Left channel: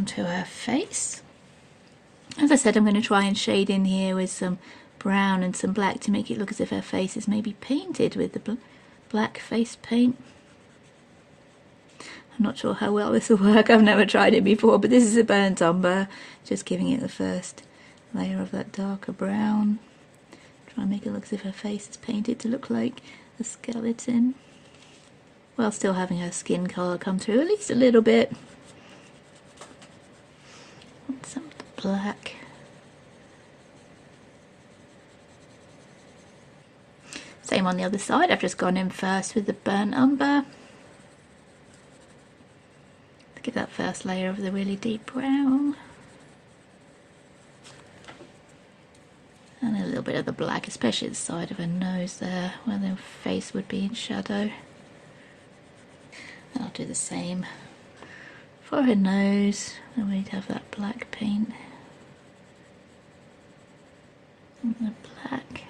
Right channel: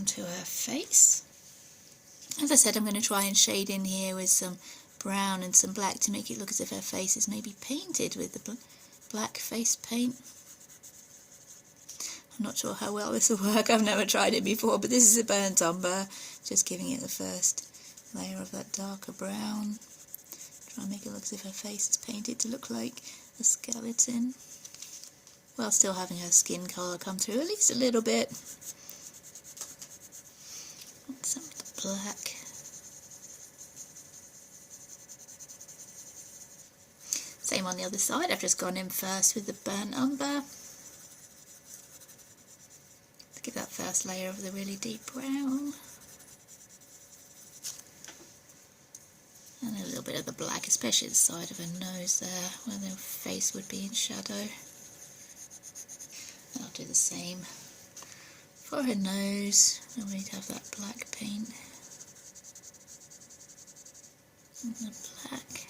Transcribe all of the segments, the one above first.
onto her face. As I said, I'm going to try and shade in here with some brown and some black to make it look as if her face is maybe painted with the black face paint. I'm not sure how well this will work, I've never tried it before, but this is a burnt umber, just giving it the first layer of that darker brown. Try and make it look as if her face is painted to look like a skeleton, while still having her skin colour come through at least a little bit. And some of the black. Same on the other side, I've just gone in first with the burnt umber. To give that first layer of the really deep brown. And a little bit of the black, especially the side of her nose there, where the face would be in shadow. I'll do the same for her nose, and we'd have that black paint. And the black.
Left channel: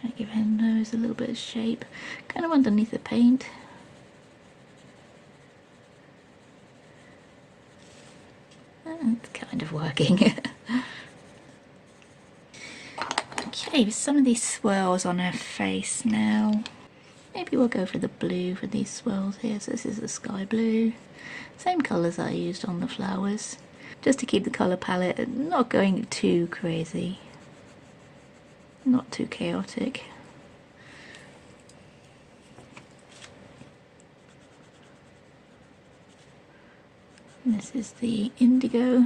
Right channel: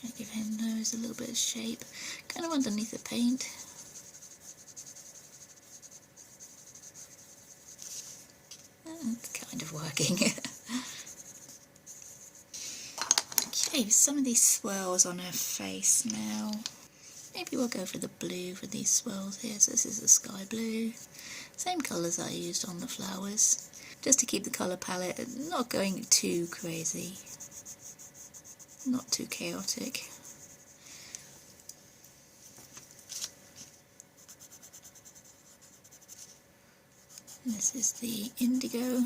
Try to give her nose a little bit of shape, kind of underneath the paint. And it's kind of working. Okay, with some of these swirls on her face now. Maybe we'll go for the blue for these swirls here. So this is the sky blue. Same colours I used on the flowers. Just to keep the colour palette not going too crazy. Not too chaotic. This is the Indigo.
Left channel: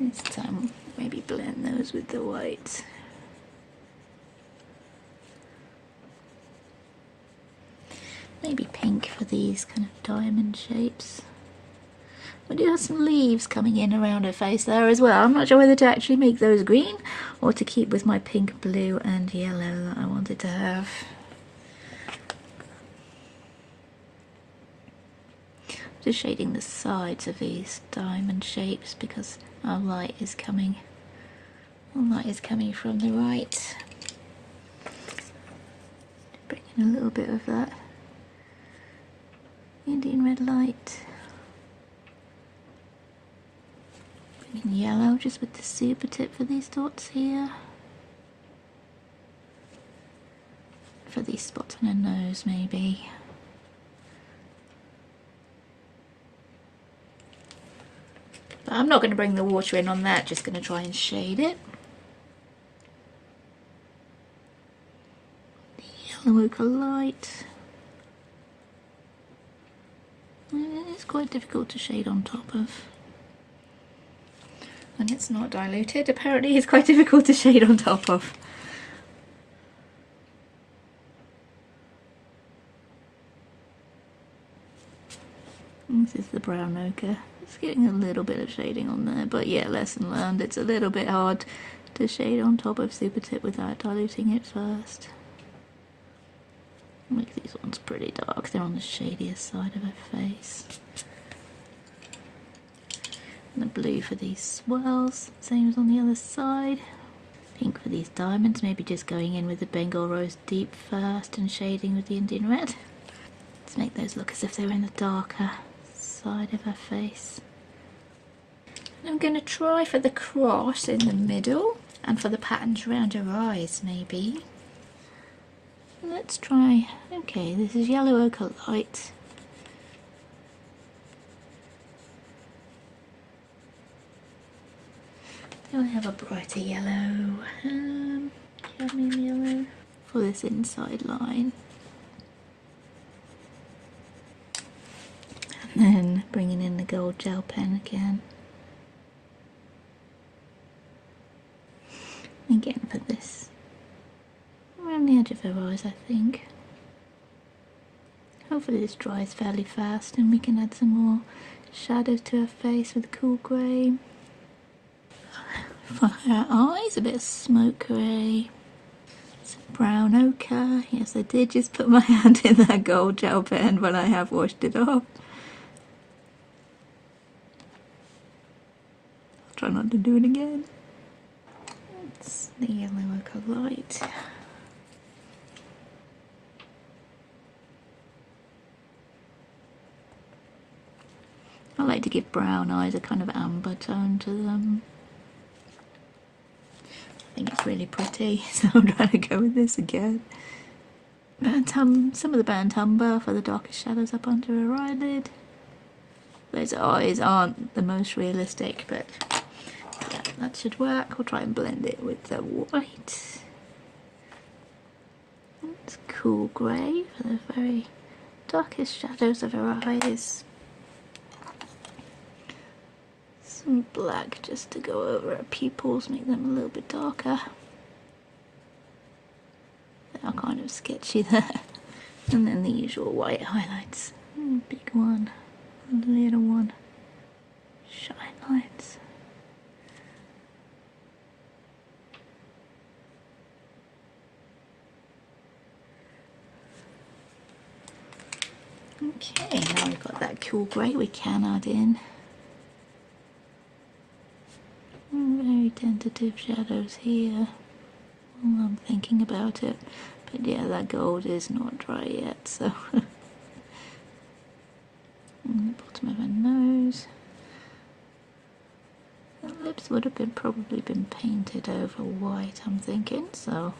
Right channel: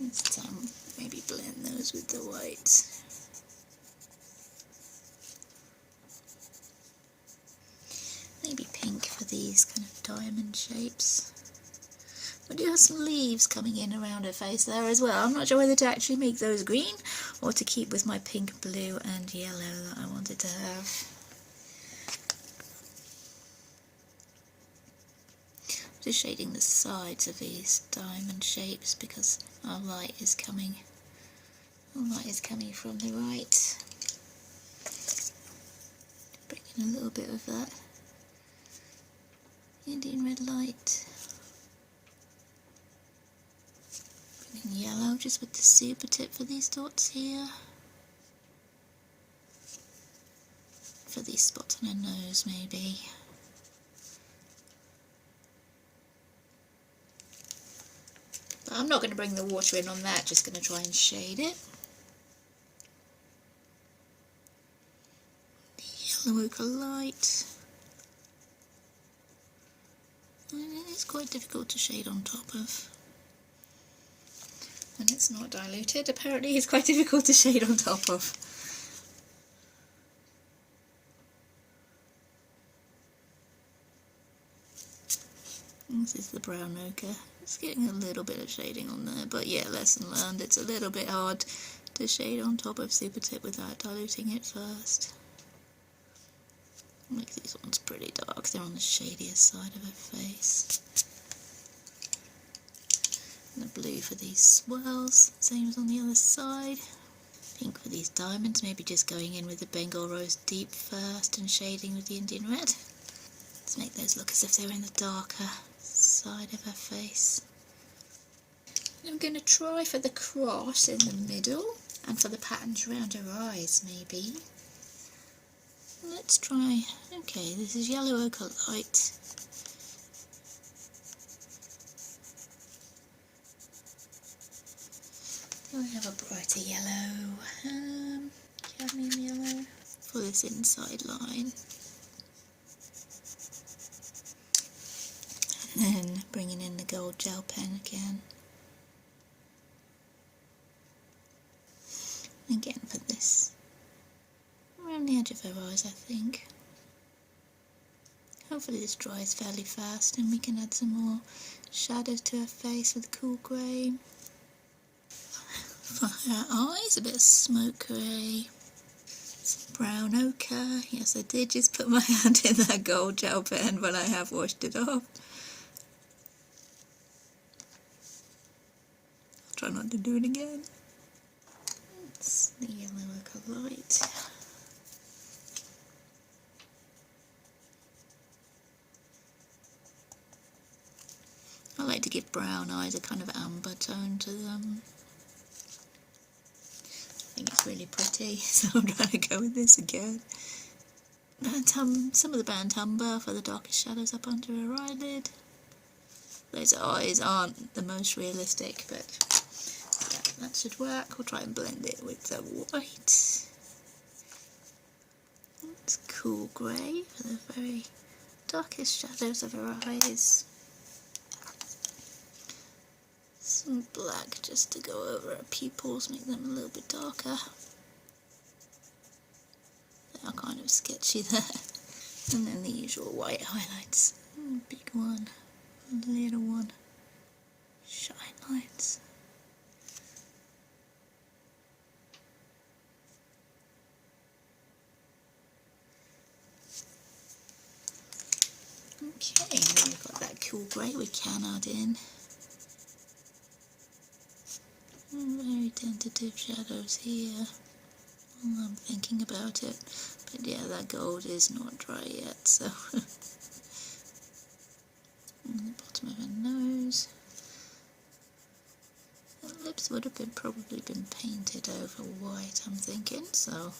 This time maybe blend those with the white. Maybe pink for these kind of diamond shapes. We do have some leaves coming in around her face there as well. I'm not sure whether to actually make those green or to keep with my pink, blue and yellow that I wanted to have. Just shading the sides of these diamond shapes because our light is coming from the right. Bring in a little bit of that Indian red light. Bring in yellow just with the super tip for these dots here. For these spots on her nose maybe. But I'm not going to bring the water in on that, just going to try and shade it. The yellow ochre light. It's quite difficult to shade on top of. And it's not diluted, apparently it's quite difficult to shade on top of. This is the brown ochre. It's getting a little bit of shading on there, but yeah, lesson learned. It's a little bit hard to shade on top of super tip without diluting it first. Make these ones pretty dark. They're on the shadiest side of her face. And the blue for these swirls, same as on the other side. Pink for these diamonds, maybe just going in with the Bengal rose deep first and shading with the Indian red. To make those look as if they were in the darker side of her face. And I'm going to try for the cross in the middle and for the patterns around her eyes maybe. Let's try, okay, this is yellow ochre light. Do I have a brighter yellow? Cadmium yellow for this inside line. And then bringing in the gold gel pen again. Again for this. Around the edge of her eyes, I think. Hopefully this dries fairly fast and we can add some more shadow to her face with cool grey. For her eyes, a bit of smoke grey. Some brown ochre. Yes, I did just put my hand in that gold gel pen, but I have washed it off. I'll try not to do it again. the yellow ochre light. I like to give brown eyes a kind of amber tone to them. I think it's really pretty, so I'm trying to go with this again. Some of the burnt umber for the darkest shadows up under her eyelid. Those eyes aren't the most realistic, but yeah, that should work. We'll try and blend it with the white. It's cool grey for the very darkest shadows of her eyes. Some black just to go over her pupils, make them a little bit darker. They are kind of sketchy there. And then the usual white highlights. Big one, little one, shine lights. Okay, now we've got that cool grey we can add in. Very tentative shadows here while I'm thinking about it. But yeah, that gold is not dry yet, so. On the bottom of her nose. The lips would have probably been painted over white, I'm thinking, so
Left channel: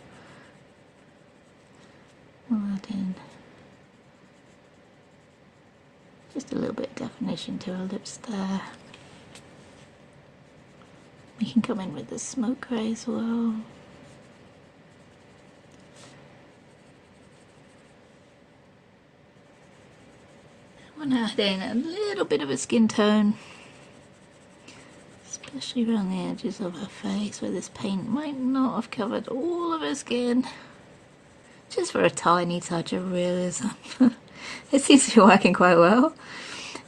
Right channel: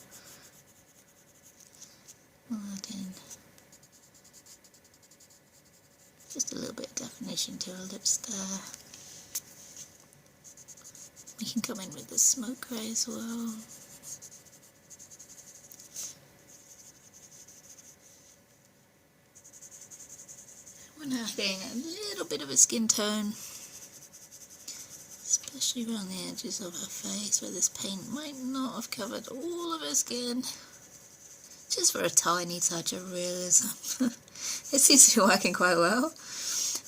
we'll add in just a little bit of definition to her lips there. We can come in with the smoke grey as well. I want to add in a little bit of a skin tone, especially around the edges of her face where this paint might not have covered all of her skin. Just for a tiny touch of realism. It seems to be working quite well.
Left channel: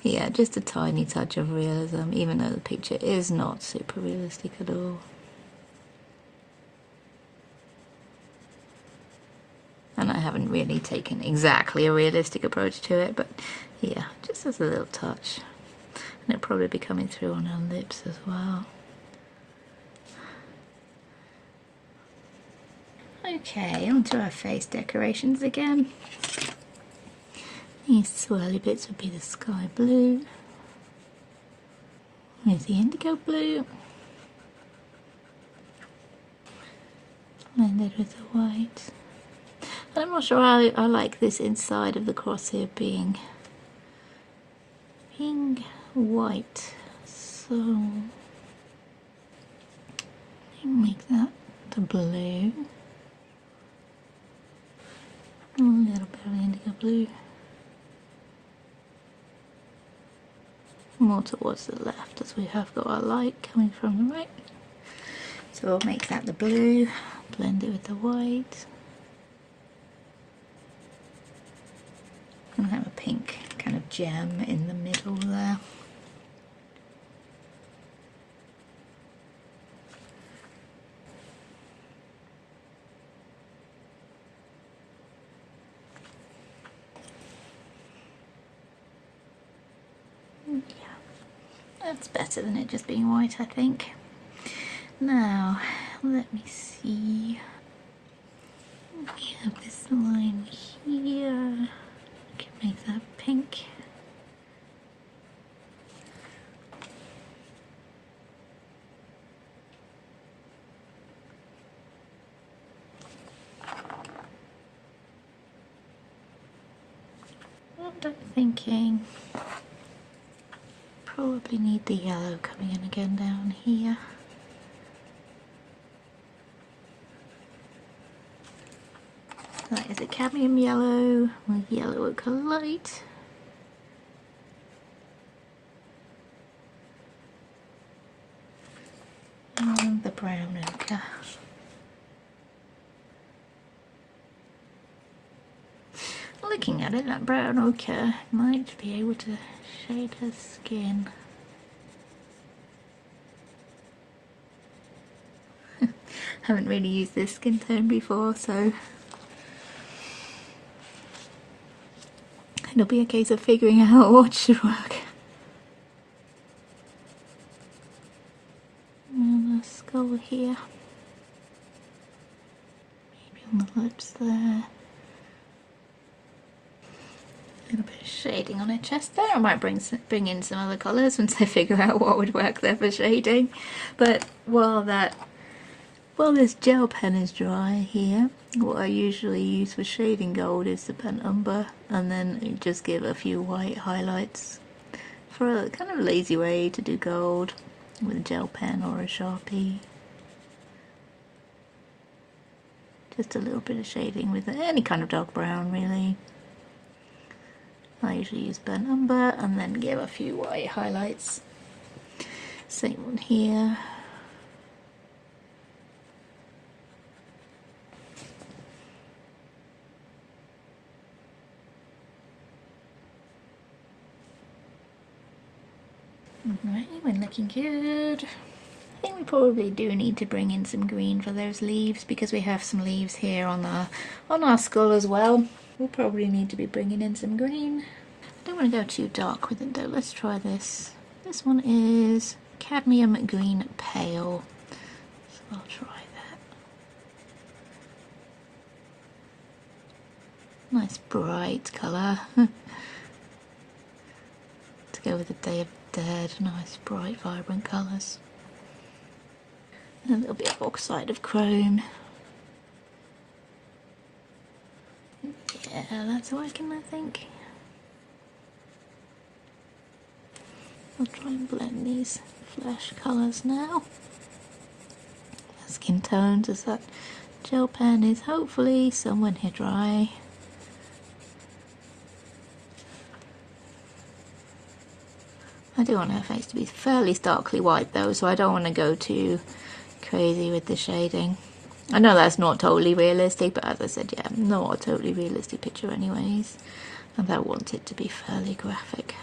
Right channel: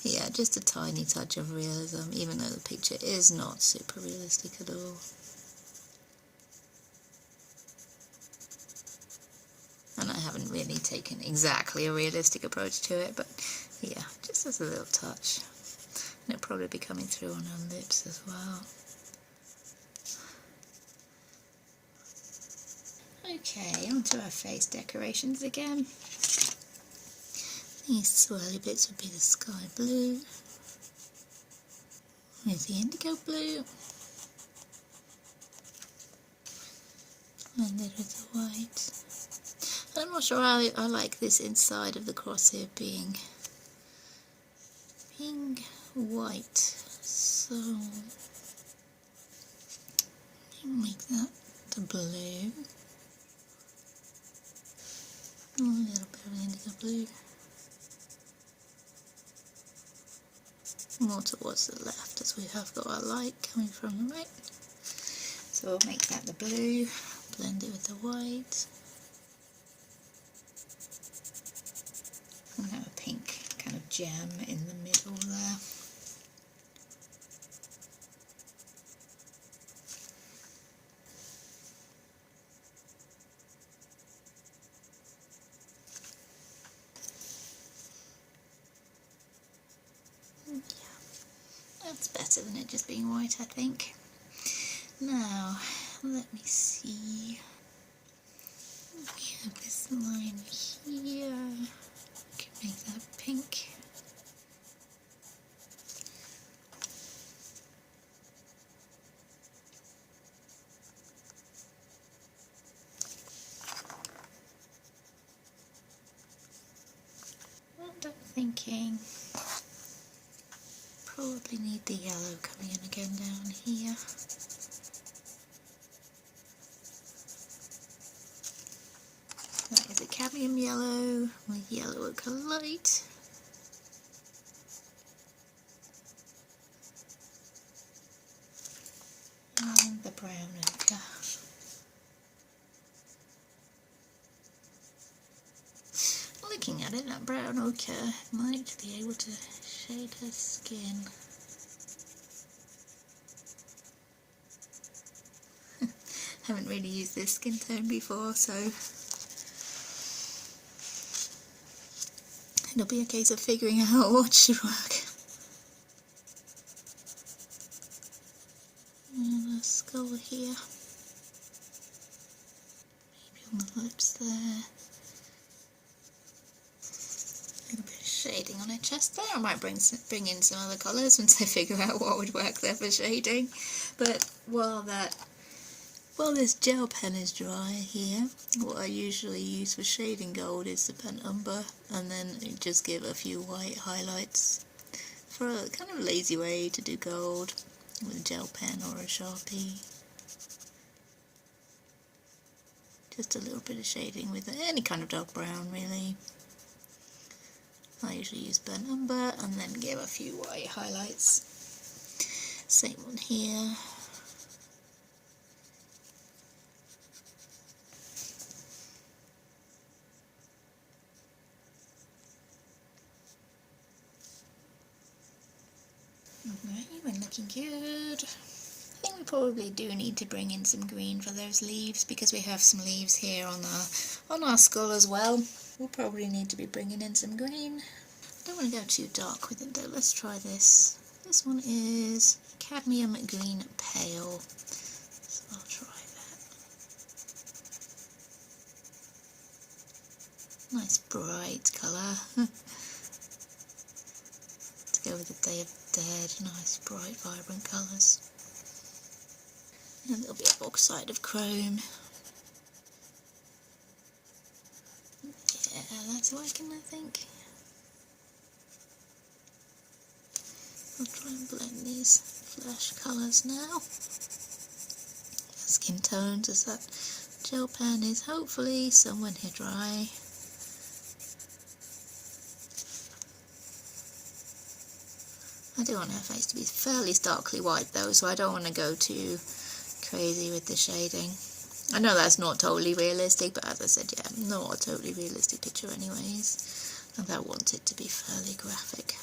Yeah, just a tiny touch of realism, even though the picture is not super realistic at all. And I haven't really taken exactly a realistic approach to it, but yeah, just as a little touch. And it'll probably be coming through on her lips as well. Okay, onto our face decorations again. These swirly bits would be the sky blue. Here's the indigo blue. Blended with the white. And I'm not sure I like this inside of the crosshair being pink, white. So make that the blue. A little bit of indigo blue. More towards the left as we have got our light coming from the right. So we'll make that the blue, blend it with the white. And have a pink kind of gem in the middle there. That's better than it just being white, I think. Now, let me see. We have this line here. I can make that pink. What I'm thinking. Probably need the yellow coming in again down here. That is a cadmium yellow with yellow ochre light. And the brown ochre. Looking at it, that brown ochre might be able to shade her skin. Haven't really used this skin tone before, so it'll be a case of figuring out what should work. And a skull here. stripes there. A little bit of shading on her chest there. I might bring in some other colours once I figure out what would work there for shading. But while this gel pen is dry here, what I usually use for shading gold is the pen umber, and then just give a few white highlights for a kind of lazy way to do gold with a gel pen or a Sharpie. Just a little bit of shading with any kind of dark brown really. I usually use burnt umber and then give a few white highlights. Same one here. Alright, we're looking good. I think we probably do need to bring in some green for those leaves because we have some leaves here on our skull as well. We'll probably need to be bringing in some green. I don't want to go too dark with it though. Let's try this. This one is Cadmium Green Pale. So I'll try that. Nice bright colour. To go with the Day of the Dead. Nice bright vibrant colours. And a little bit of oxide of chrome. Yeah, that's working, I think. I'll try and blend these flesh colours now. Skin tones as that gel pen is hopefully somewhere near dry. I do want her face to be fairly starkly white though, so I don't want to go too crazy with the shading. I know that's not totally realistic, but as I said, yeah, not a totally realistic picture anyways, and I want it to be fairly graphic.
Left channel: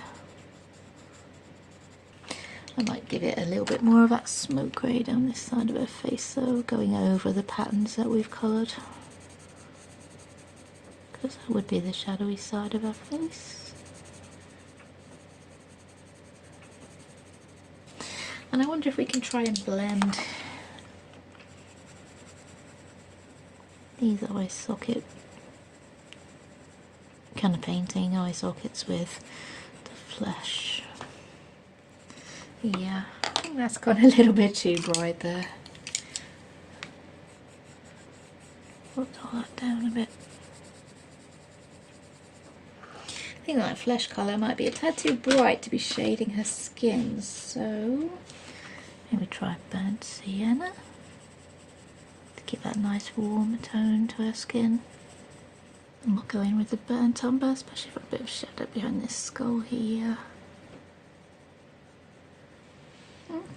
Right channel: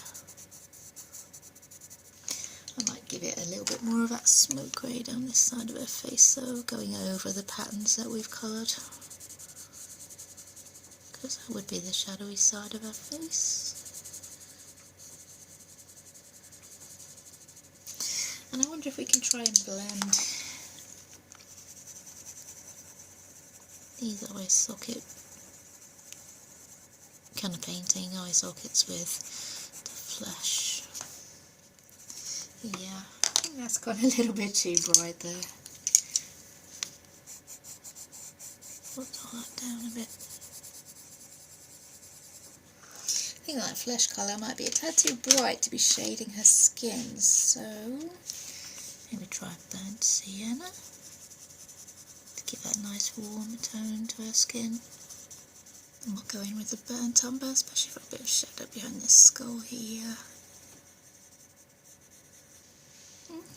I might give it a little bit more of that smoke grey down this side of her face though, going over the patterns that we've coloured, because that would be the shadowy side of her face. And I wonder if we can try and blend these eye socket kind of painting eye sockets with the flesh. Yeah, I think that's gone a little bit too bright there. We'll dull that down a bit. I think that flesh colour might be a tad too bright to be shading her skin, so maybe try burnt sienna to give that nice warm tone to her skin. And we'll go in with the burnt umber, especially for a bit of shadow behind this skull here.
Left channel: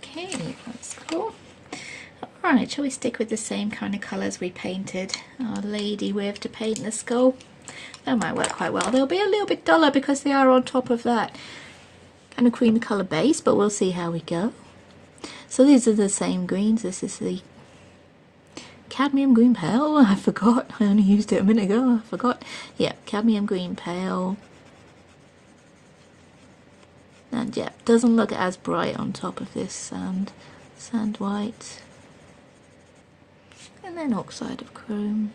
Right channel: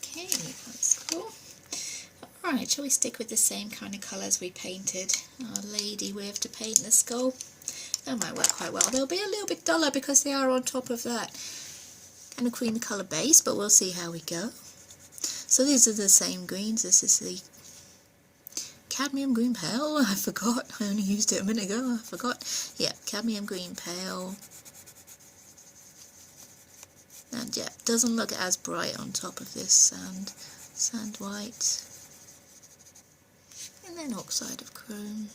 Okay, that's cool. Alright, shall we stick with the same kind of colours we painted our lady with to paint the skull? That might work quite well. They'll be a little bit duller because they are on top of that kind of creamy colour base, but we'll see how we go. So these are the same greens. This is the Cadmium Green Pale. I forgot. I only used it a minute ago. I forgot. Yeah, Cadmium Green Pale. And yeah, doesn't look as bright on top of this sand white. And then oxide of chrome.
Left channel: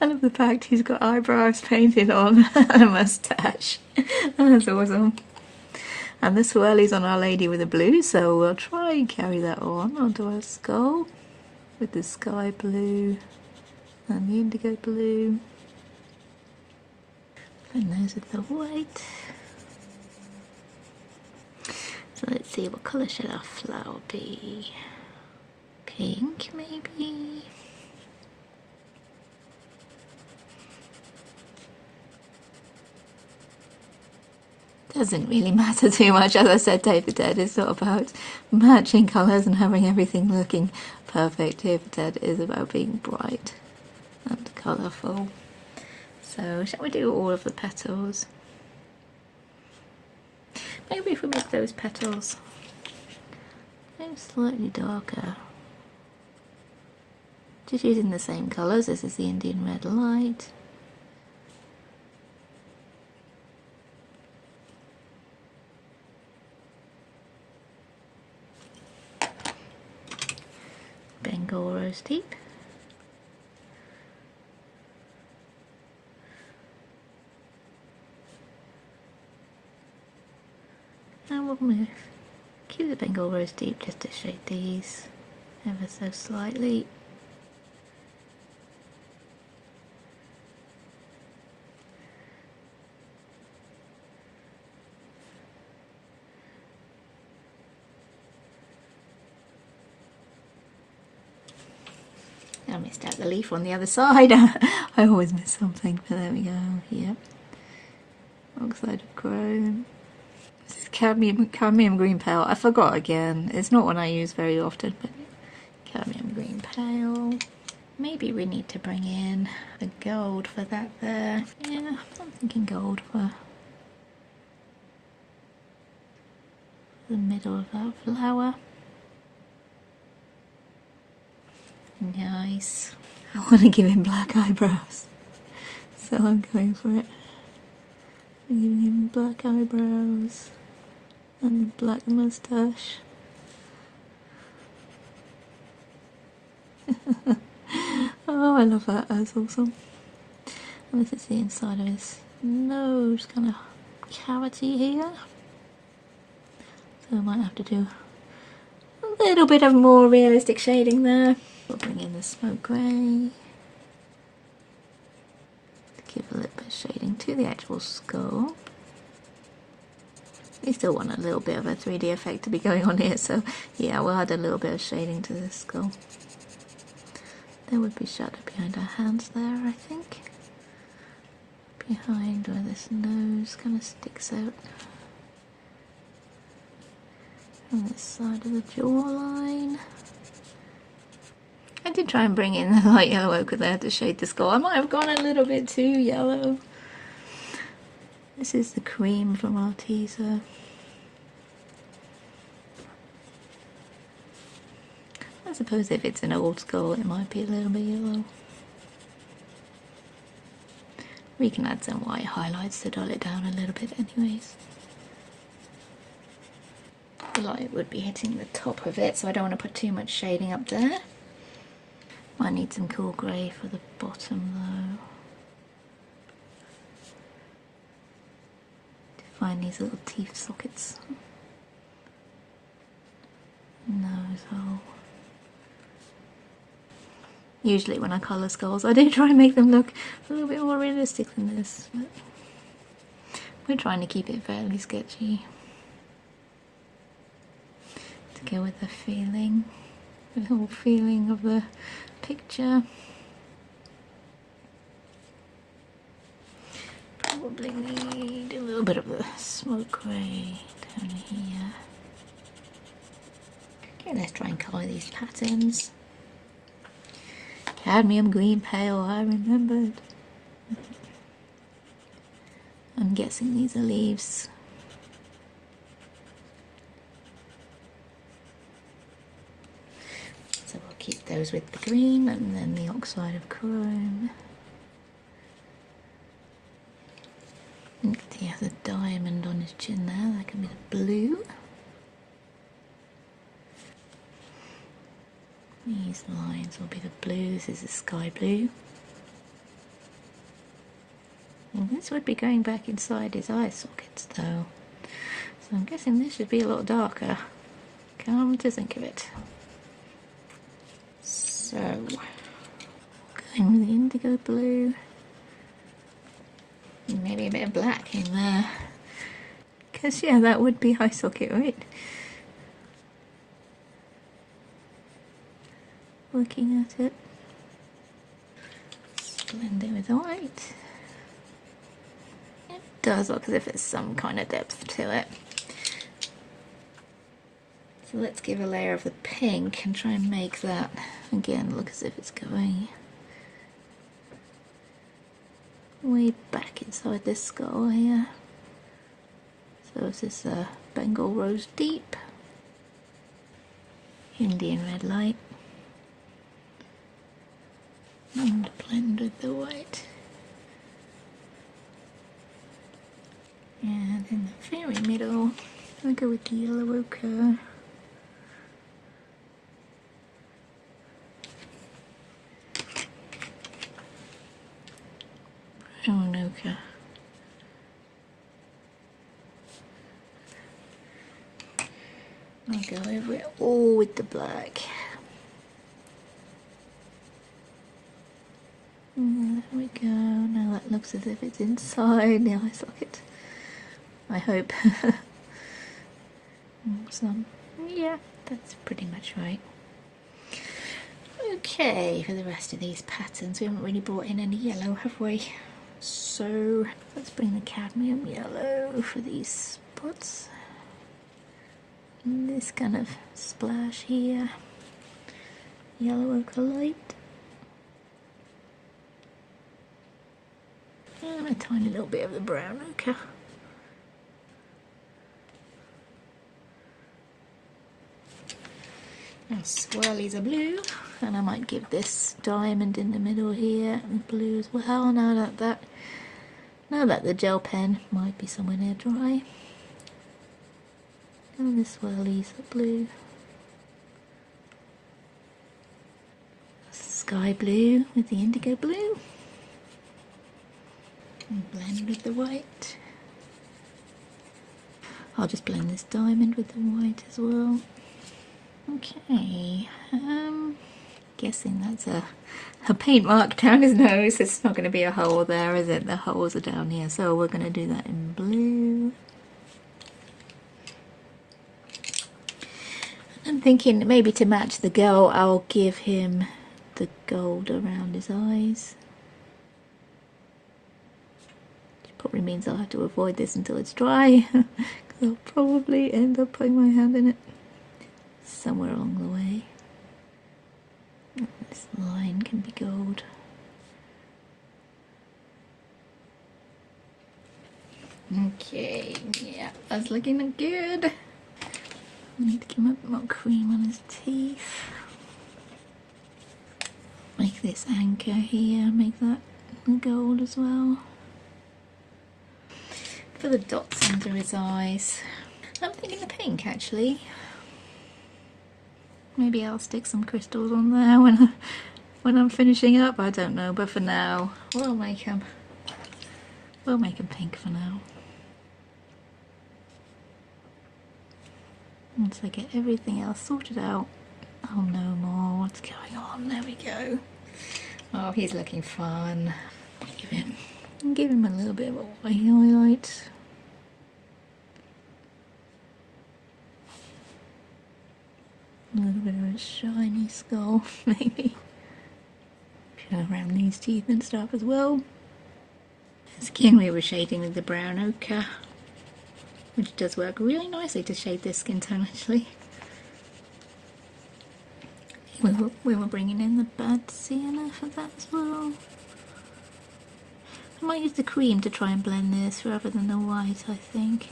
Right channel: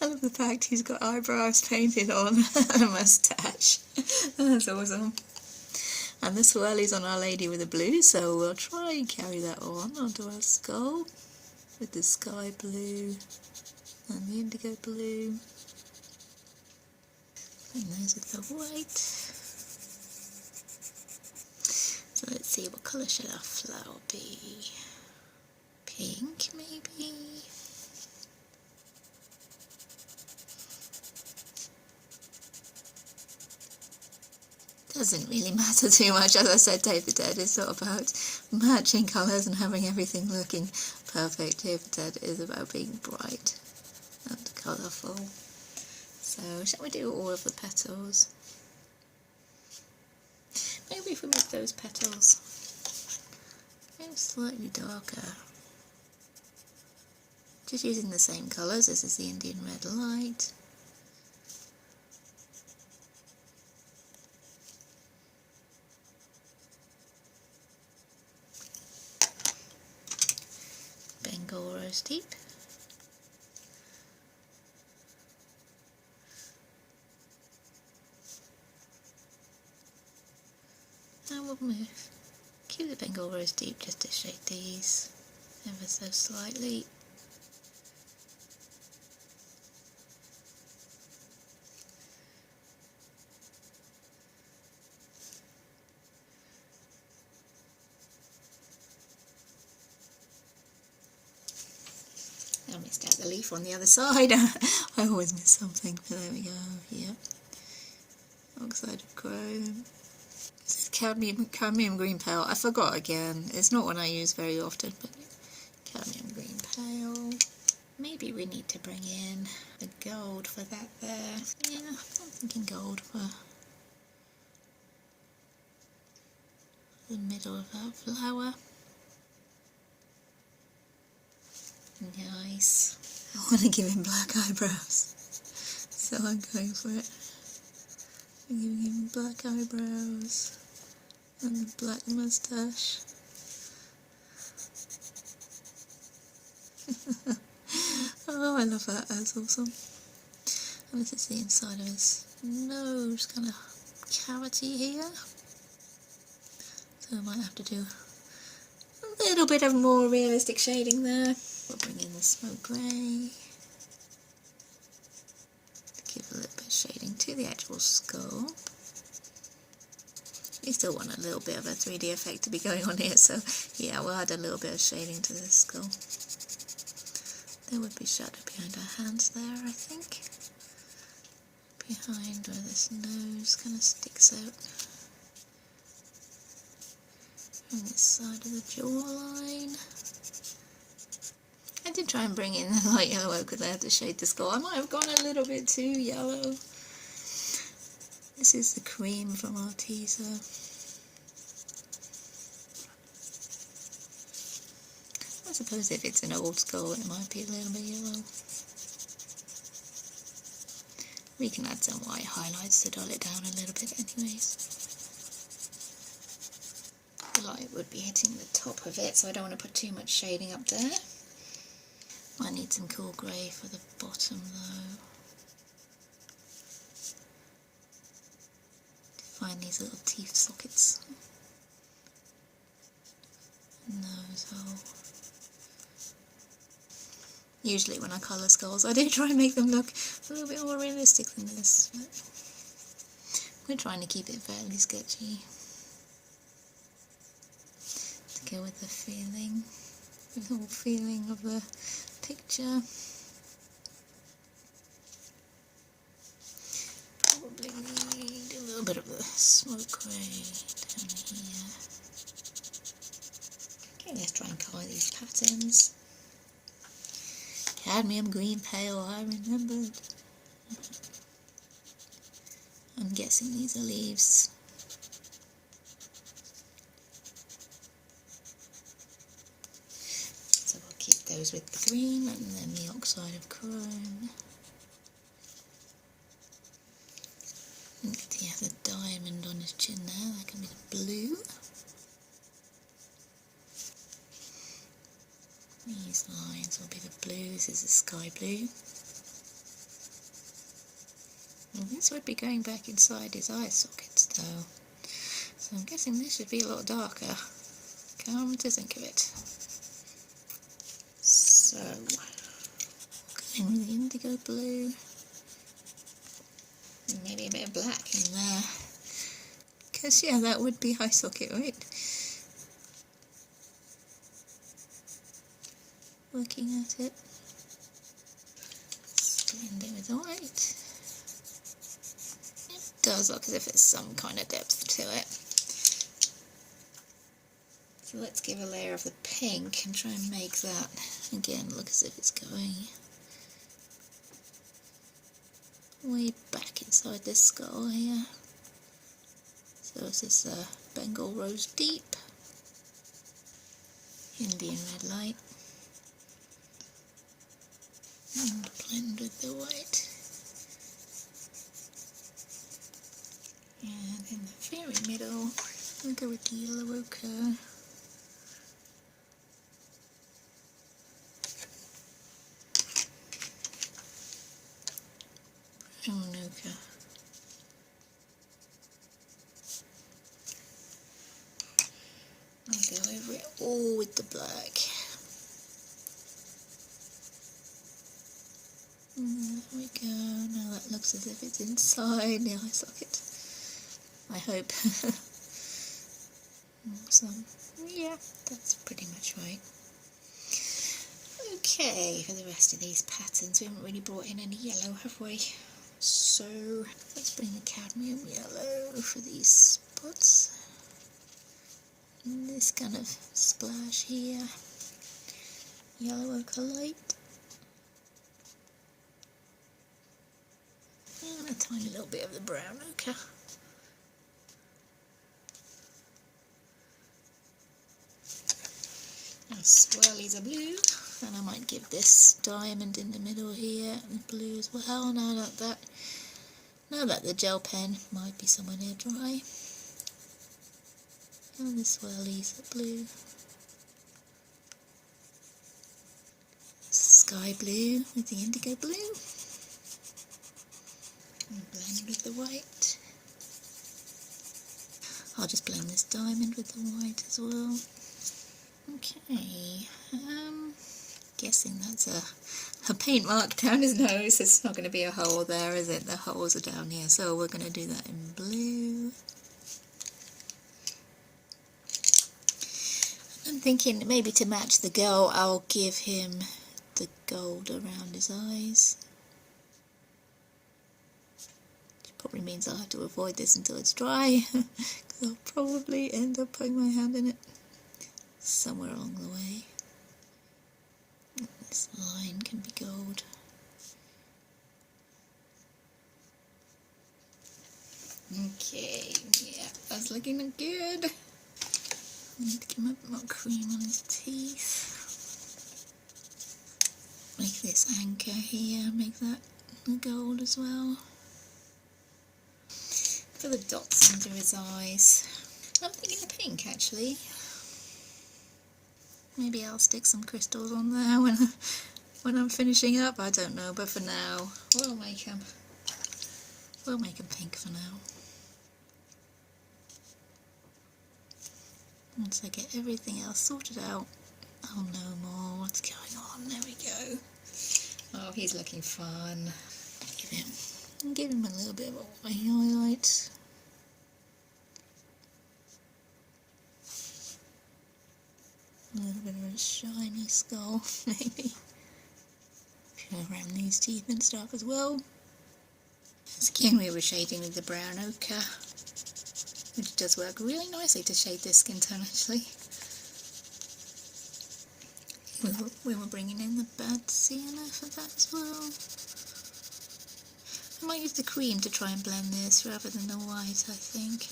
I love the fact he's got eyebrows painted on and a moustache. That's awesome. And the swirlies on our lady with the blue, so we'll try and carry that on onto our skull with the sky blue and the indigo blue. And those with the white. So let's see, what colour should our flower be? Pink, maybe? Doesn't really matter too much. As I said, Day of the Dead is not about matching colours and having everything looking perfect. Day of the Dead is about being bright and colourful. So shall we do all of the petals? Maybe if we make those petals maybe slightly darker. Just using the same colours. This is the Indian Red Light. Bengal Rose Deep. Now we'll move. Keep the Bengal Rose Deep just to shade these ever so slightly. I missed out the leaf on the other side. I always miss something, but there we go. Yep. Oxide of chrome. This is cadmium green pale. I forgot again. It's not one I use very often, but cadmium green pale. Maybe we need to bring in the gold for that there. Yeah, I'm thinking gold for the middle of that flower. Nice. I want to give him black eyebrows, so I'm going for it. I'm giving him black eyebrows and a black moustache. Oh, I love that. That's awesome. And this is the inside of his nose, kind of cavity here. So I might have to do a little bit of more realistic shading there. We'll bring in the smoke grey to give a little bit of shading to the actual skull. We still want a little bit of a 3D effect to be going on here, so yeah, we'll add a little bit of shading to the skull. There would be shadow behind our hands there, I think. Behind where this nose kind of sticks out. On this side of the jawline. I did try and bring in the light yellow ochre there to shade the skull. I might have gone a little bit too yellow. This is the cream from Arteza. I suppose if it's an old skull it might be a little bit yellow. We can add some white highlights to dull it down a little bit anyways. The light would be hitting the top of it, so I don't want to put too much shading up there. Might need some cool grey for the bottom though. To find these little teeth sockets. Nose hole. Usually when I colour skulls I do try and make them look a little bit more realistic than this, but we're trying to keep it fairly sketchy to go with the feeling, the whole feeling of the picture. Probably need a little bit of the smoke grey down here. Okay, let's try and colour these patterns. Cadmium green pale, I remembered. I'm guessing these are leaves. So we'll keep those with the green and then the oxide of chrome. And he has a diamond on his chin there, that can be the blue. These lines will be the blue, this is the sky blue. And this would be going back inside his eye sockets though. So I'm guessing this should be a lot darker. Come to think of it. So, going with the indigo blue. And maybe a bit of black in there. Because yeah, that would be eye socket, right? Looking at it. Blend it with the white. It does look as if there's some kind of depth to it. So let's give a layer of the pink and try and make that again look as if it's going way back inside this skull here. So this is Bengal Rose Deep, Indian red light, and blend with the white. And in the very middle, I'll go with the yellow ochre. brown ochre. I'll go over it all with the black. There we go. Now that looks as if it's inside the eye socket. I hope. Awesome. Yeah, that's pretty much right. Okay, for the rest of these patterns, we haven't really brought in any yellow, have we? So let's bring the cadmium yellow for these spots. And this kind of splash here. Yellow ochre light. And a tiny little bit of the brown ochre. Now swirlies are blue, and I might give this diamond in the middle here and blue as well. Now that the gel pen might be somewhere near dry. And the swirlies are blue. Sky blue with the indigo blue. And blend with the white. I'll just blend this diamond with the white as well. Okay, guessing that's a paint mark down his nose. It's not going to be a hole there, is it? The holes are down here, so we're going to do that in blue. I'm thinking maybe to match the girl, I'll give him the gold around his eyes. Which probably means I'll have to avoid this until it's dry, because I'll probably end up putting my hand in it somewhere along the way. This line can be gold. Okay, yeah, that's looking good. I need to give him a bit more cream on his teeth. Make this anchor here, make that gold as well. For the dots under his eyes, I'm thinking the pink actually. Maybe I'll stick some crystals on there when I'm finishing up. I don't know, but for now we'll make him pink for now. Once I get everything else sorted out, I'll know more what's going on. There we go. Oh, he's looking fun. Give him a little bit of a white highlight. A little bit of a shiny skull, maybe. Go around these teeth and stuff as well. Skin we were shading with the brown ochre, which does work really nicely to shade this skin tone actually. We were bringing in the bad Sienna for that as well. I might use the cream to try and blend this rather than the white, I think.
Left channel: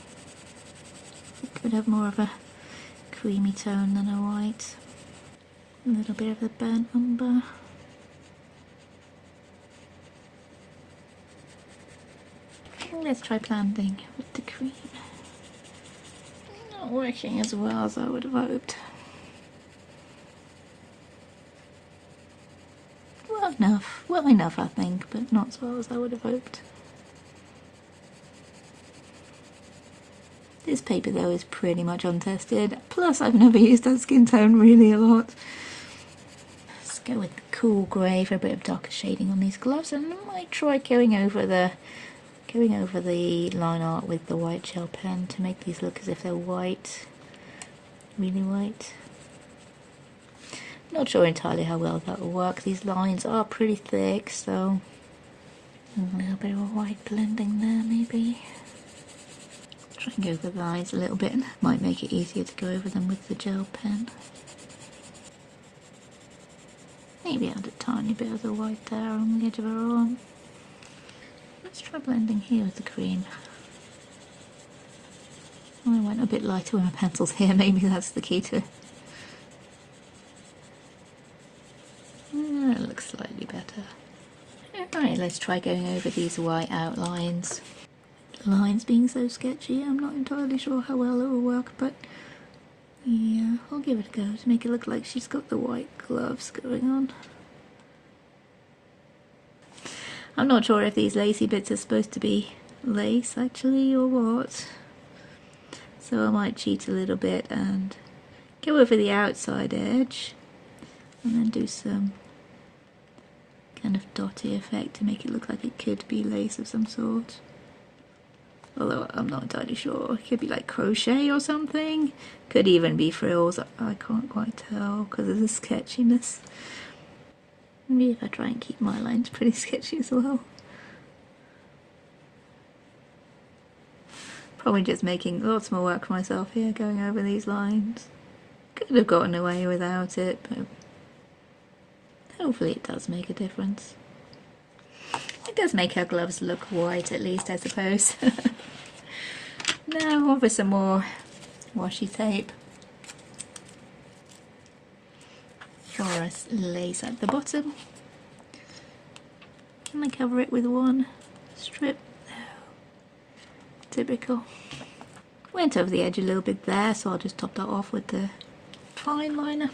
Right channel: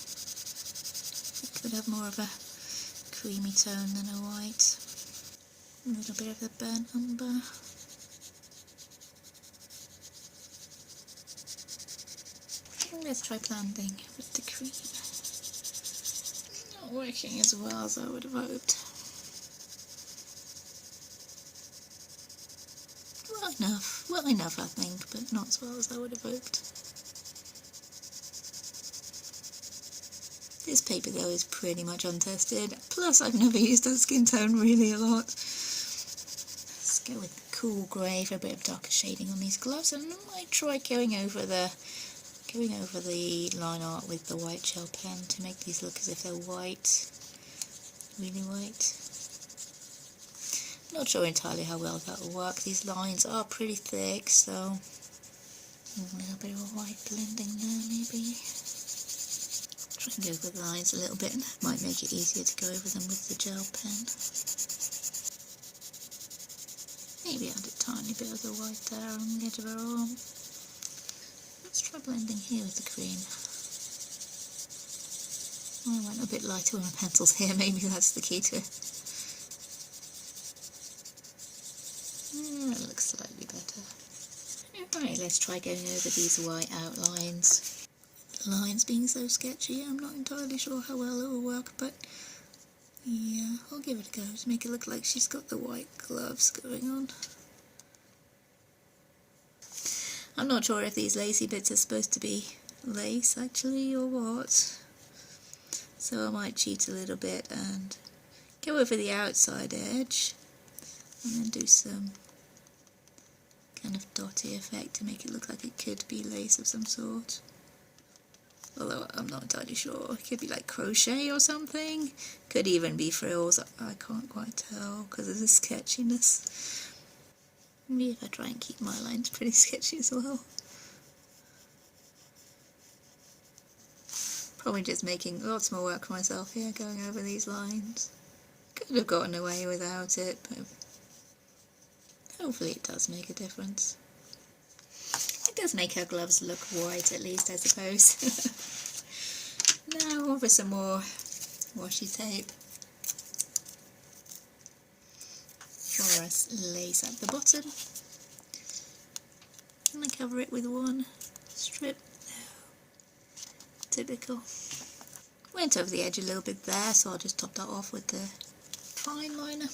It could have more of a creamy tone than a white. A little bit of the burnt umber. Let's try blending with the cream. Not working as well as I would have hoped. Well enough I think, but not as well as I would have hoped. This paper though is pretty much untested, plus I've never used that skin tone really a lot. Let's go with the cool grey for a bit of darker shading on these gloves, and I might try going over the line art with the white gel pen to make these look as if they're white, really white. Not sure entirely how well that will work. These lines are pretty thick, so a little bit of a white blending there maybe. Try and go over the lines a little bit, and might make it easier to go over them with the gel pen. Maybe add a tiny bit of the white there on the edge of her arm. Let's try blending here with the cream. I went a bit lighter with my pencils here, maybe that's the key to it. It looks slightly better. Alright, let's try going over these white outlines. The lines being so sketchy, I'm not entirely sure how well it will work, but yeah, I'll give it a go to make it look like she's got the white gloves going on. I'm not sure if these lacy bits are supposed to be lace actually or what. So I might cheat a little bit and go over the outside edge and then do some kind of dotty effect to make it look like it could be lace of some sort. Although I'm not entirely sure. It could be like crochet or something. Could even be frills. I can't quite tell because of the sketchiness. Maybe if I try and keep my lines pretty sketchy as well. Probably just making lots more work for myself here, going over these lines. Could have gotten away without it, but hopefully it does make a difference. It does make her gloves look white at least, I suppose. Now on for some more washi tape. For us lace at the bottom. And I cover it with one strip. Typical. Went over the edge a little bit there, so I'll just top that off with the fine liner.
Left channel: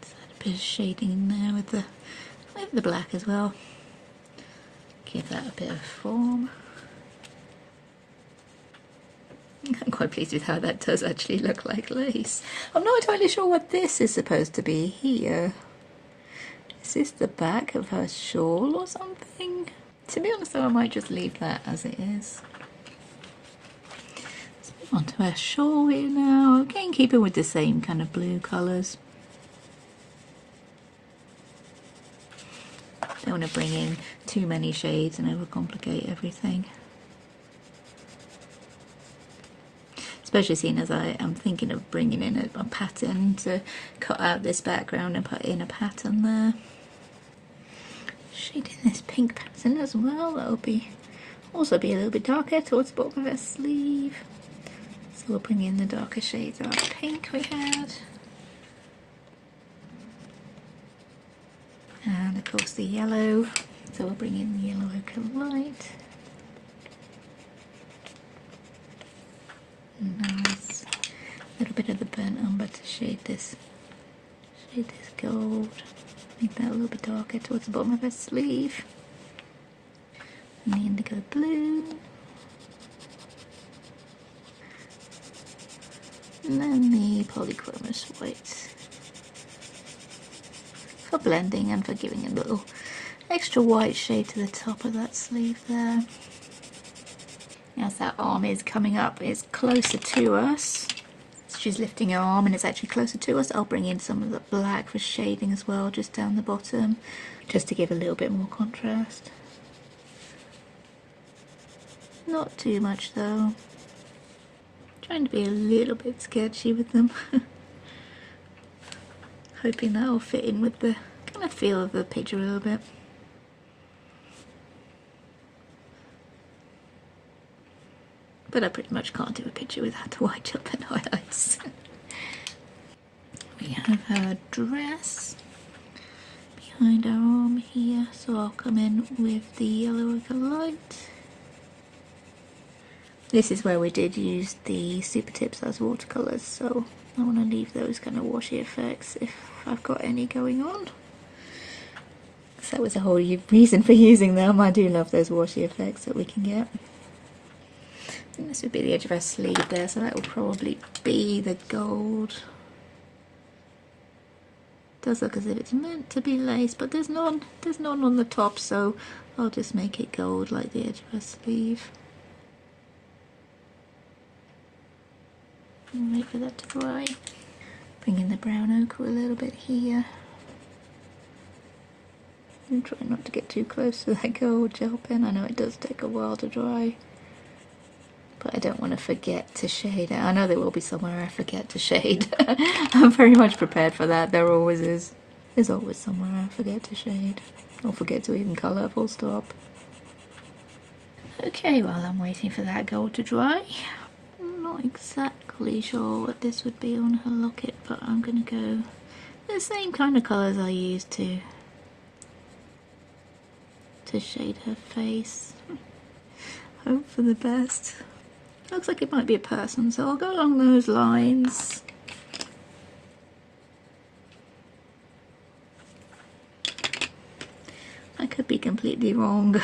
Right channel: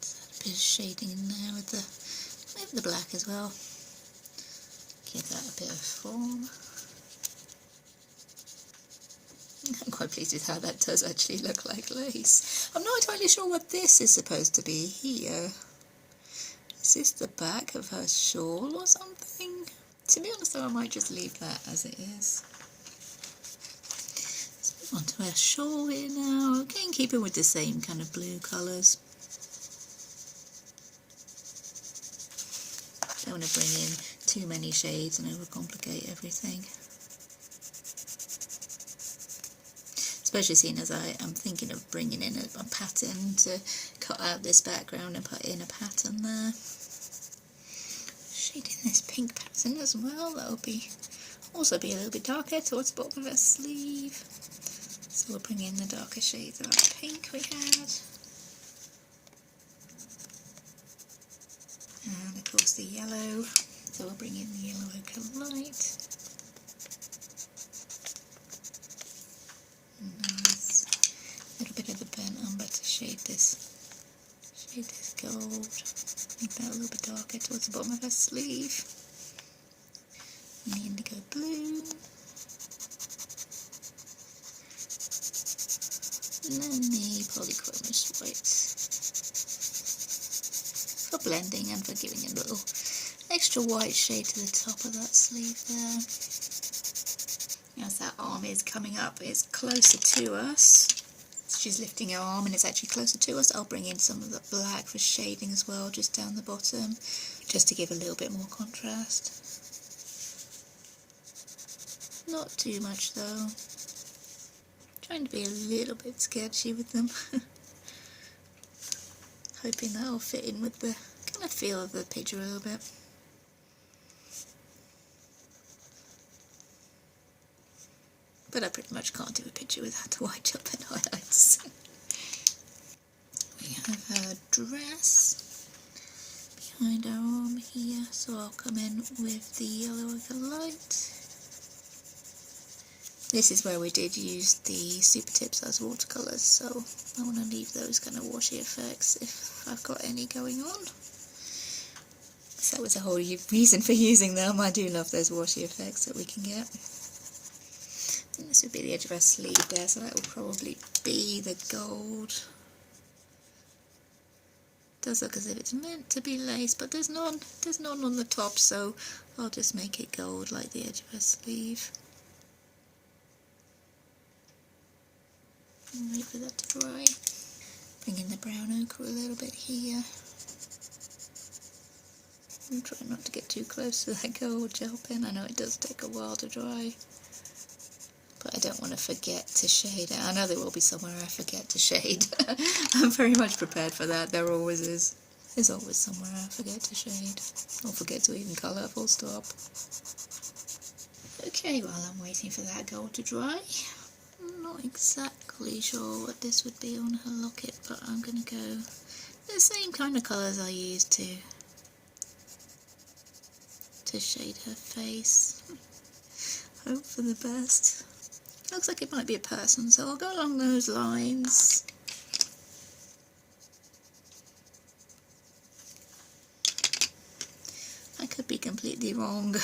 Just add a bit of shading in there with the black as well. Give that a bit of form. I'm quite pleased with how that does actually look like lace. I'm not entirely sure what this is supposed to be here. Is this the back of her shawl or something? To be honest though, I might just leave that as it is. Let's move on to her shawl here now. Again, keep it with the same kind of blue colours. Don't want to bring in too many shades and overcomplicate everything. Especially seeing as I am thinking of bringing in a pattern to cut out this background and put in a pattern there. Shading this pink pattern as well, that'll also be a little bit darker towards the bottom of her sleeve. So we'll bring in the darker shades of pink we had. And of course the yellow, so we'll bring in the yellow ochre light. Nice. A little bit of the burnt umber to shade this gold. Make that a little bit darker towards the bottom of her sleeve. And the indigo blue. And then the Polychromos white. For blending and for giving a little extra white shade to the top of that sleeve there. As that arm is coming up, it's closer to us. She's lifting her arm and it's actually closer to us. I'll bring in some of the black for shading as well, just down the bottom, just to give a little bit more contrast. Not too much though. Trying to be a little bit sketchy with them. Hoping that'll fit in with the kind of feel of the picture a little bit. But I pretty much can't do a picture without the white gel pen highlights. We have her dress behind our arm here, so I'll come in with the yellow ochre light. This is where we did use the super tips as watercolours, so I want to leave those kind of washy effects if I've got any going on. So that was the whole reason for using them. I do love those washy effects that we can get. And this would be the edge of her sleeve there, so that will probably be the gold. Does look as if it's meant to be lace, but there's none on the top, so I'll just make it gold like the edge of her sleeve. And wait for that to dry. Bring in the brown ochre a little bit here. And try not to get too close to that gold gel pen. I know it does take a while to dry. But I don't want to forget to shade it. I know there will be somewhere I forget to shade. I'm very much prepared for that. There always is. There's always somewhere I forget to shade. Or forget to even colour, full stop. Okay, while I'm waiting for that gold to dry, I'm not exactly sure what this would be on her locket, but I'm going to go the same kind of colours I used to shade her face. Hope for the best. Looks like it might be a person, so I'll go along those lines. I could be completely completely wrong.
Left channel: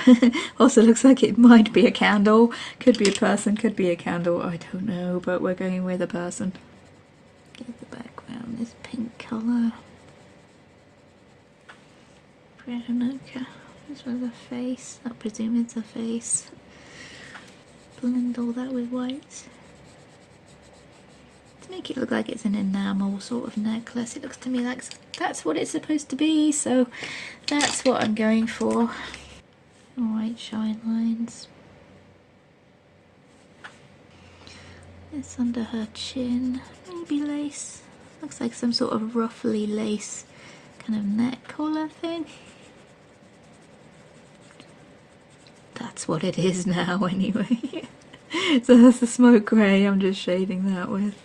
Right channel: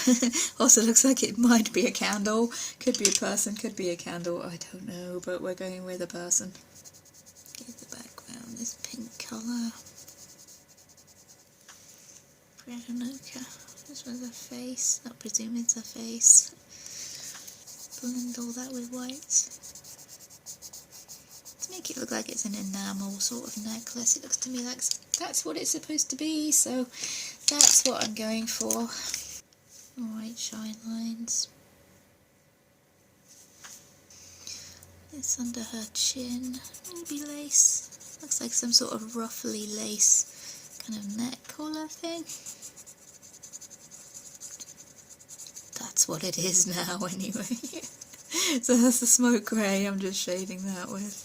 Also looks like it might be a candle. Could be a person, could be a candle, I don't know, but we're going with a person. Give the background this pink colour. Brown ochre. This was a face. I presume it's a face. Blend all that with white. To make it look like it's an enamel sort of necklace. It looks to me like that's what it's supposed to be, so that's what I'm going for. White shine lines. This under her chin. Maybe lace. Looks like some sort of ruffly lace kind of neck collar thing. That's what it is now anyway. So that's the smoke grey I'm just shading that with.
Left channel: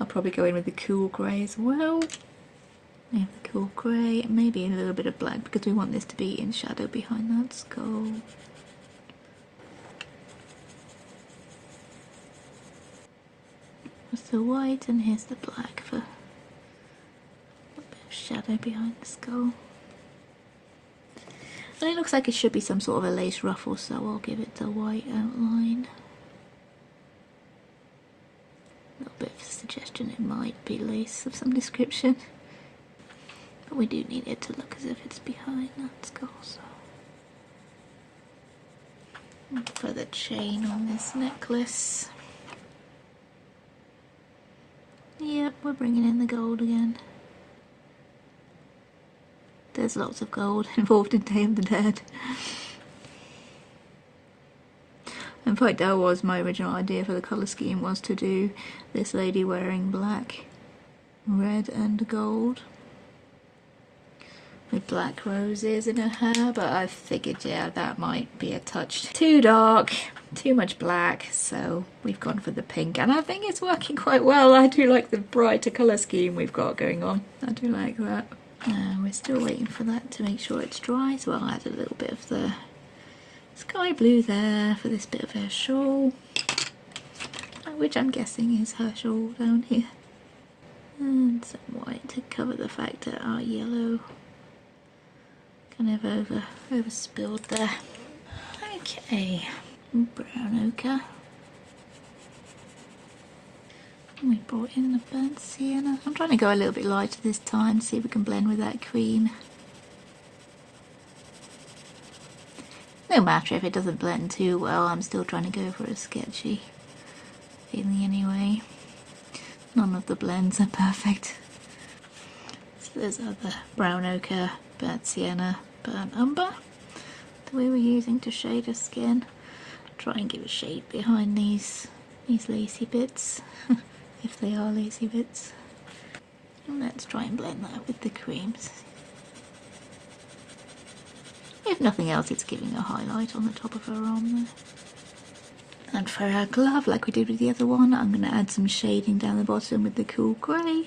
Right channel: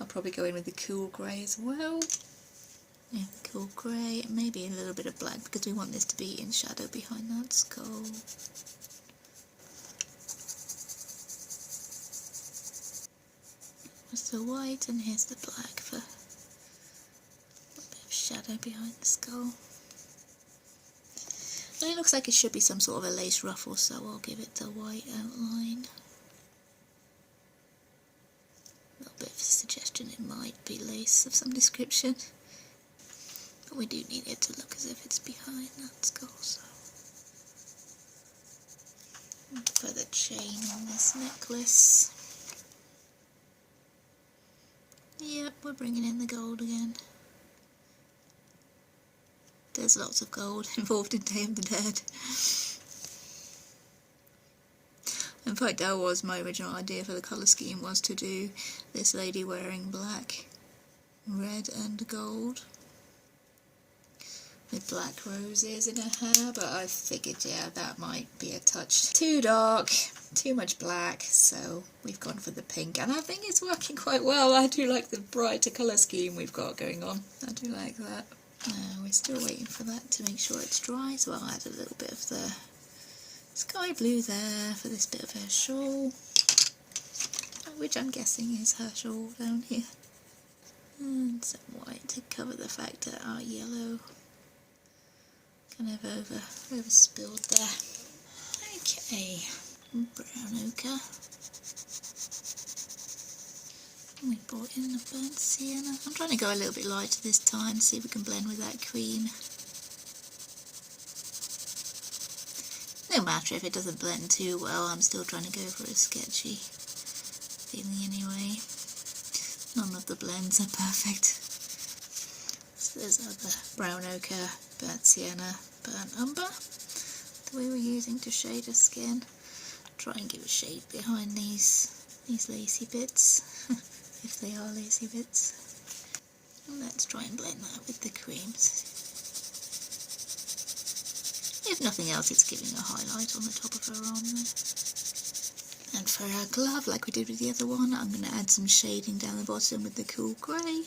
I'll probably go in with the cool grey as well. Yeah, the cool grey, maybe a little bit of black because we want this to be in shadow behind that skull. There's the white and here's the black for a bit of shadow behind the skull. And it looks like it should be some sort of a lace ruffle, so I'll give it the white outline. A little bit of a suggestion it might be lace of some description. But we do need it to look as if it's behind that skull, so. For the chain on this necklace. Yep, we're bringing in the gold again. There's lots of gold involved in Day of the Dead. In fact, that was my original idea for the colour scheme, was to do this lady wearing black, red and gold with black roses in her hair, but I figured, yeah, that might be a touch too dark, too much black, so we've gone for the pink, and I think it's working quite well. I do like the brighter colour scheme we've got going on. I do like that. We're still waiting for that to make sure it's dry, so I'll add a little bit of the sky blue there for this bit of her shawl, which I'm guessing is her shawl down here, and some white to cover the fact that our yellow kind of over spilled there. Okay, brown ochre. We brought in the burnt sienna. I'm trying to go a little bit lighter this time, see if we can blend with that cream. No matter if it doesn't blend too well, I'm still trying to go for a sketchy feeling anyway. None of the blends are perfect. So there's other brown ochre, burnt sienna, burnt umber, that we were using to shade her skin. Try and give a shade behind these lacy bits. If they are lacy bits. And let's try and blend that with the creams. If nothing else, it's giving a highlight on the top of her arm there. And for our glove, like we did with the other one, I'm going to add some shading down the bottom with the cool grey.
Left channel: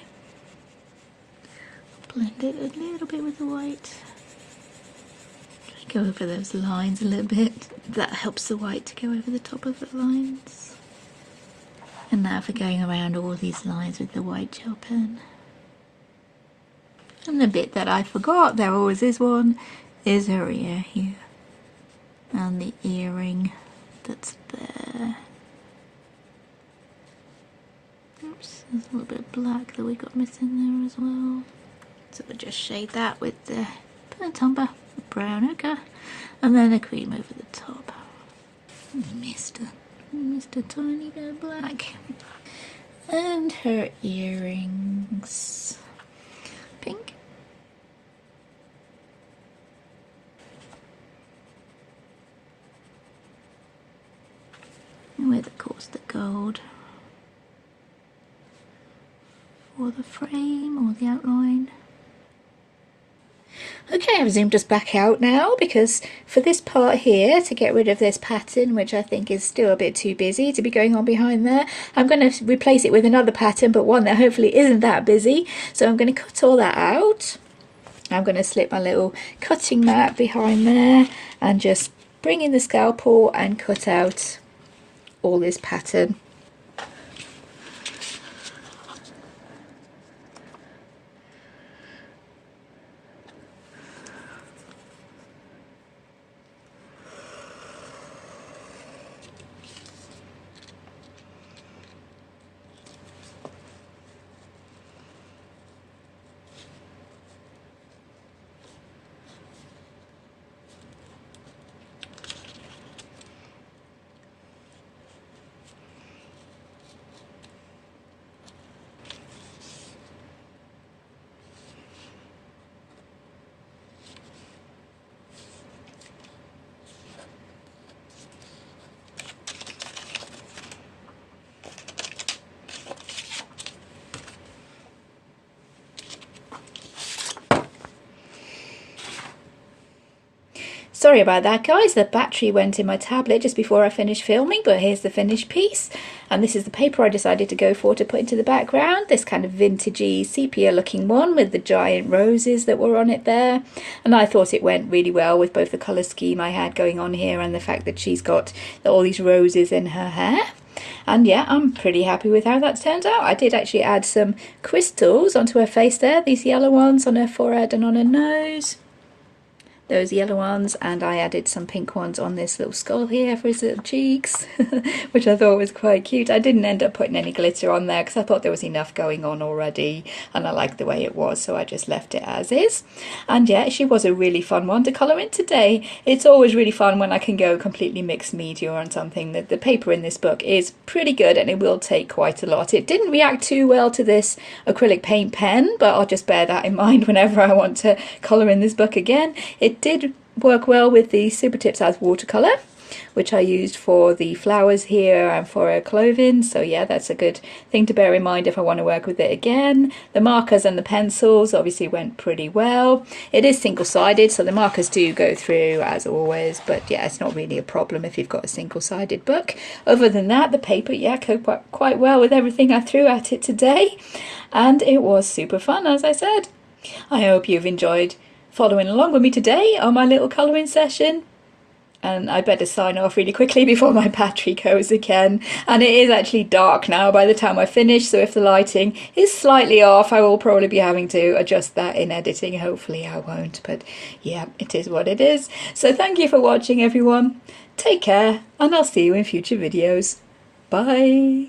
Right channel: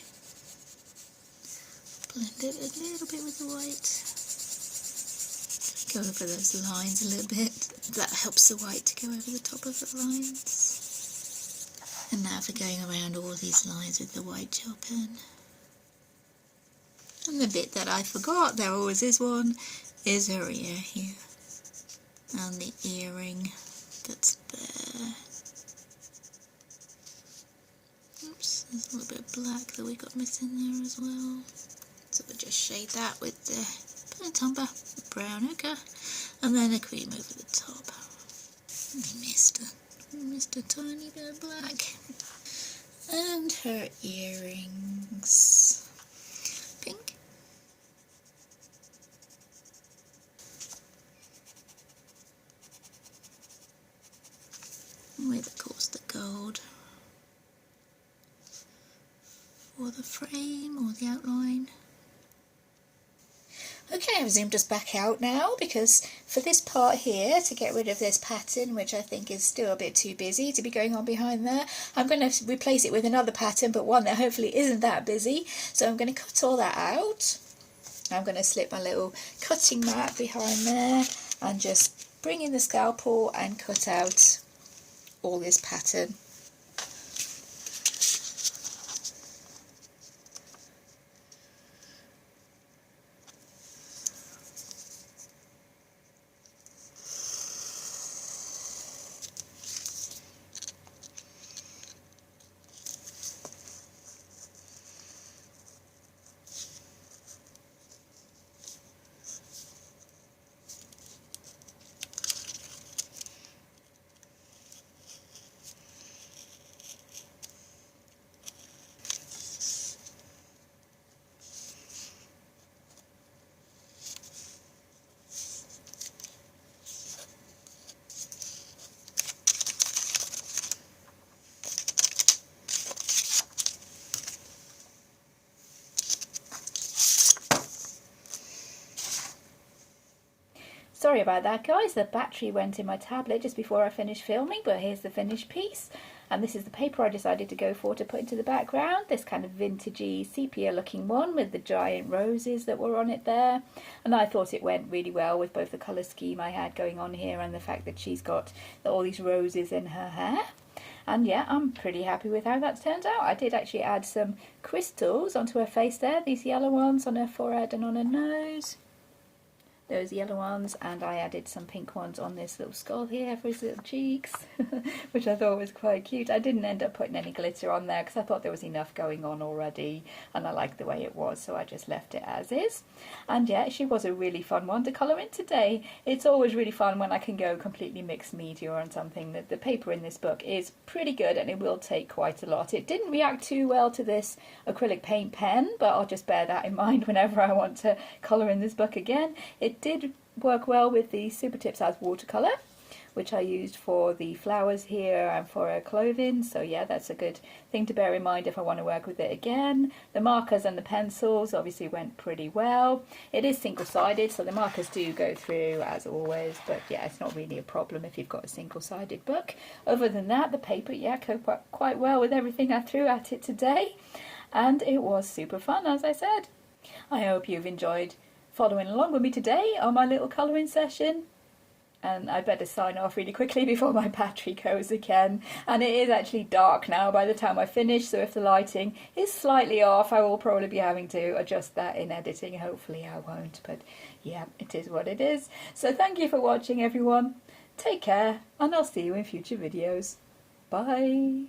Blend it a little bit with the white. Go over those lines a little bit. That helps the white to go over the top of the lines. And now for going around all these lines with the white gel pen. And the bit that I forgot, there always is one, is her ear here. And the earring that's there. Oops, there's a little bit of black that we got missing there as well. So we'll just shade that with the burnt umber, the brown ochre, and then a cream over the top. Missed a tiny bit of black. And her earrings. Pink. With, of course, the gold for the frame or the outline. Okay, I've zoomed us back out now because for this part here, to get rid of this pattern, which I think is still a bit too busy to be going on behind there, I'm going to replace it with another pattern, but one that hopefully isn't that busy. So I'm going to cut all that out. I'm going to slip my little cutting mat behind there and just bring in the scalpel and cut out all this pattern. Sorry about that, guys. The battery went in my tablet just before I finished filming, but here's the finished piece. And this is the paper I decided to go for to put into the background, this kind of vintagey sepia looking one with the giant roses that were on it there. And I thought it went really well with both the colour scheme I had going on here and the fact that she's got all these roses in her hair. And yeah, I'm pretty happy with how that turned out. I did actually add some crystals onto her face there, these yellow ones on her forehead and on her nose. Those yellow ones, and I added some pink ones on this little skull here for his little cheeks, which I thought was quite cute. I didn't end up putting any glitter on there because I thought there was enough going on already, and I liked the way it was, so I just left it as is. And yeah, she was a really fun one to colour in today. It's always really fun when I can go completely mixed media on something. The paper in this book is pretty good, and it will take quite a lot. It didn't react too well to this acrylic paint pen, but I'll just bear that in mind whenever I want to colour in this book again. It did work well with the Super Tips as watercolour, which I used for the flowers here and for her clothing. So yeah, that's a good thing to bear in mind if I want to work with it again. The markers and the pencils obviously went pretty well. It is single-sided, so the markers do go through as always, but yeah, it's not really a problem if you've got a single-sided book. Other than that, the paper, yeah, coped quite well with everything I threw at it today, and it was super fun, as I said. I hope you've enjoyed following along with me today on my little colouring session. And I better sign off really quickly before my battery goes again. And it is actually dark now by the time I finish, so if the lighting is slightly off, I will probably be having to adjust that in editing. Hopefully I won't, but yeah, it is what it is. So thank you for watching, everyone. Take care, and I'll see you in future videos. Bye.